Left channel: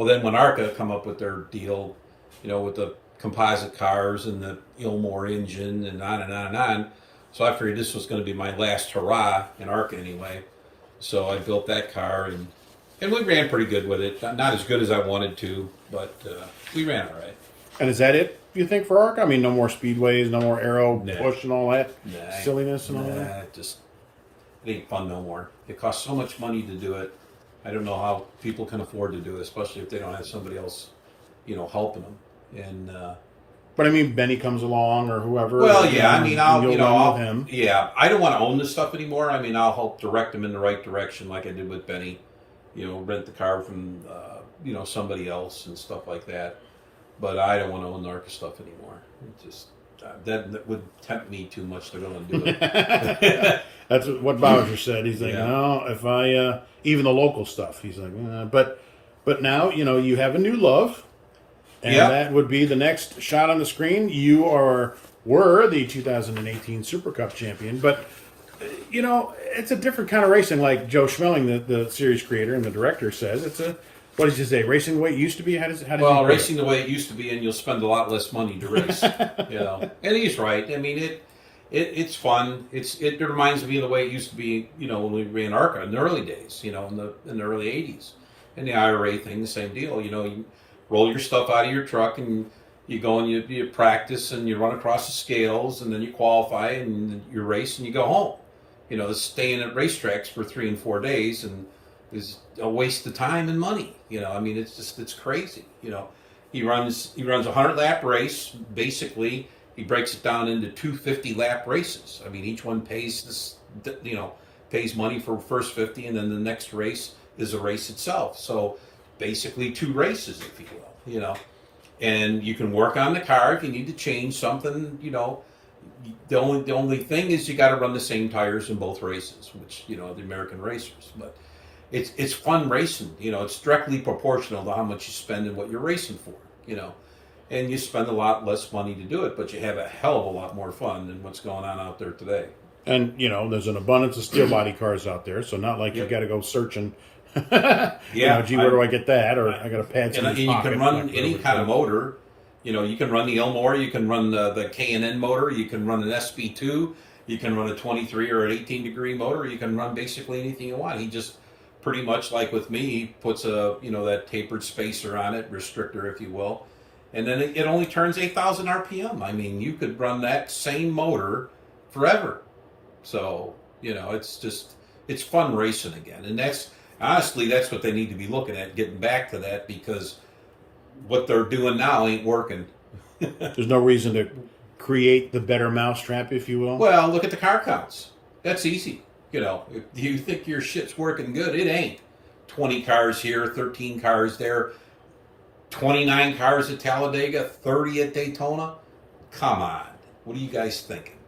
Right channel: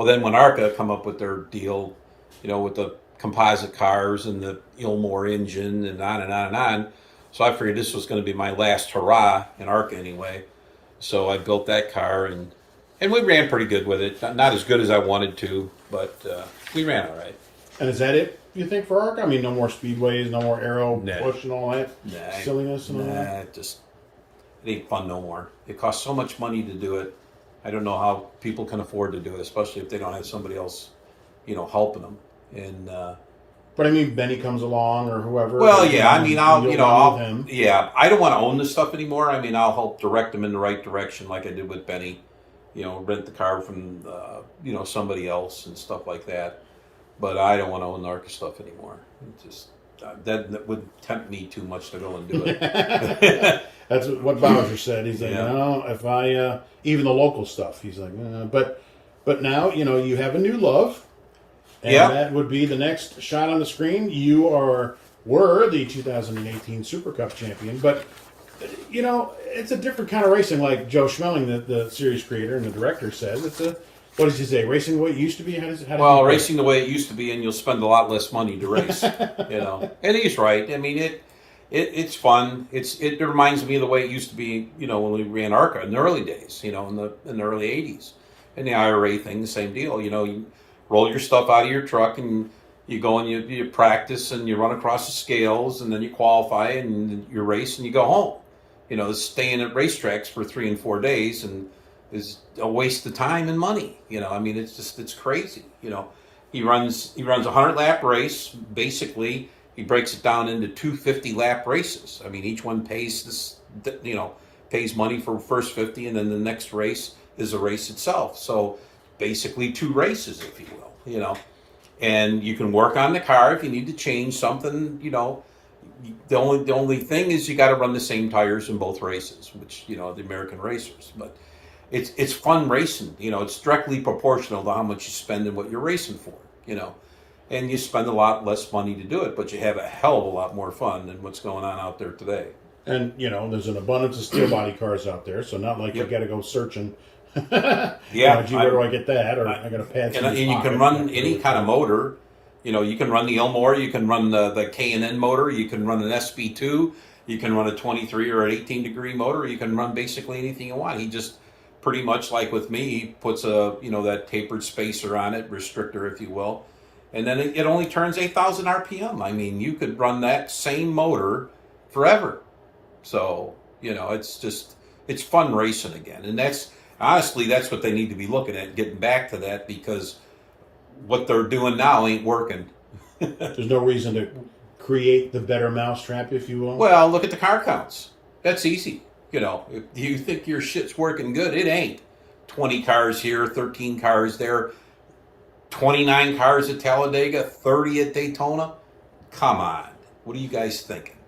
Well, then when ARCA come up with their deal, with the composite cars and the Ilmore engine and on and on and on, so I figured this was going to be my last hurrah in ARCA anyway. So I built that car, and we ran pretty good with it. Not as good as I wanted to, but we ran all right. And is that it, you think, for ARCA? I mean, no more speedways, no more aero push and all that silliness and all that? It ain't fun no more. It costs so much money to do it. I don't know how people can afford to do it, especially if they don't have somebody else, helping them. And but I mean, Benny comes along or whoever. Well, yeah, I mean, I'll him. Yeah, I don't want to own this stuff anymore. I mean, I'll help direct them in the right direction, like I did with Benny. Rent the car from somebody else and stuff like that. But I don't want to own the ARCA stuff anymore. It just that would tempt me too much to go and do it. That's what Bowsher said. He's like, no, if I even the local stuff. He's like, but now you have a new love, and that would be the next shot on the screen. You were the 2018 Super Cup champion, but it's a different kind of racing. Like Joe Schmeling, the series creator and the director, says it's a. What did you say? Racing the way it used to be? How did racing the way it used to be, and you'll spend a lot less money to race. And he's right. I mean, it's fun. It reminds me of the way it used to be. When we ran ARCA in the early days. In the early '80s, and the IRA thing, the same deal. You roll your stuff out of your truck and you go and you practice and you run across the scales and then you qualify and you race and you go home. Staying at racetracks for 3 and 4 days and is a waste of time and money. I mean, it's crazy. He runs a 100-lap race. Basically, he breaks it down into 250-lap races. I mean, each one pays pays money for first 50, and then the next race is a race itself. So basically 2 races, if you will. And you can work on the car if you need to change something. The only thing is you got to run the same tires in both races, which the American racers, but. It's fun racing, it's directly proportional to how much you spend and what you're racing for, and you spend a lot less money to do it, but you have a hell of a lot more fun than what's going on out there today. And, there's an abundance of steel body cars out there, so not like you got to go searching. Gee, where do I get that? Or I got to pad some. And you can run any kind of motor. You can run the Elmore, you can run the K&N motor, you can run an SB2, you can run a 23 or an 18-degree motor, you can run basically anything you want. He just pretty much like with me, he puts that tapered spacer on it, restrictor, if you will, and then it only turns 8,000 RPM. I mean, you could run that same motor forever. So it's fun racing again, and that's what they need to be looking at, getting back to that, because what they're doing now ain't working. There's no reason to create the better mousetrap, if you will. Well, look at the car counts. That's easy. If you think your shit's working good, it ain't. 20 cars here, 13 cars there, 29 cars at Talladega, 30 at Daytona. Come on. What are you guys thinking?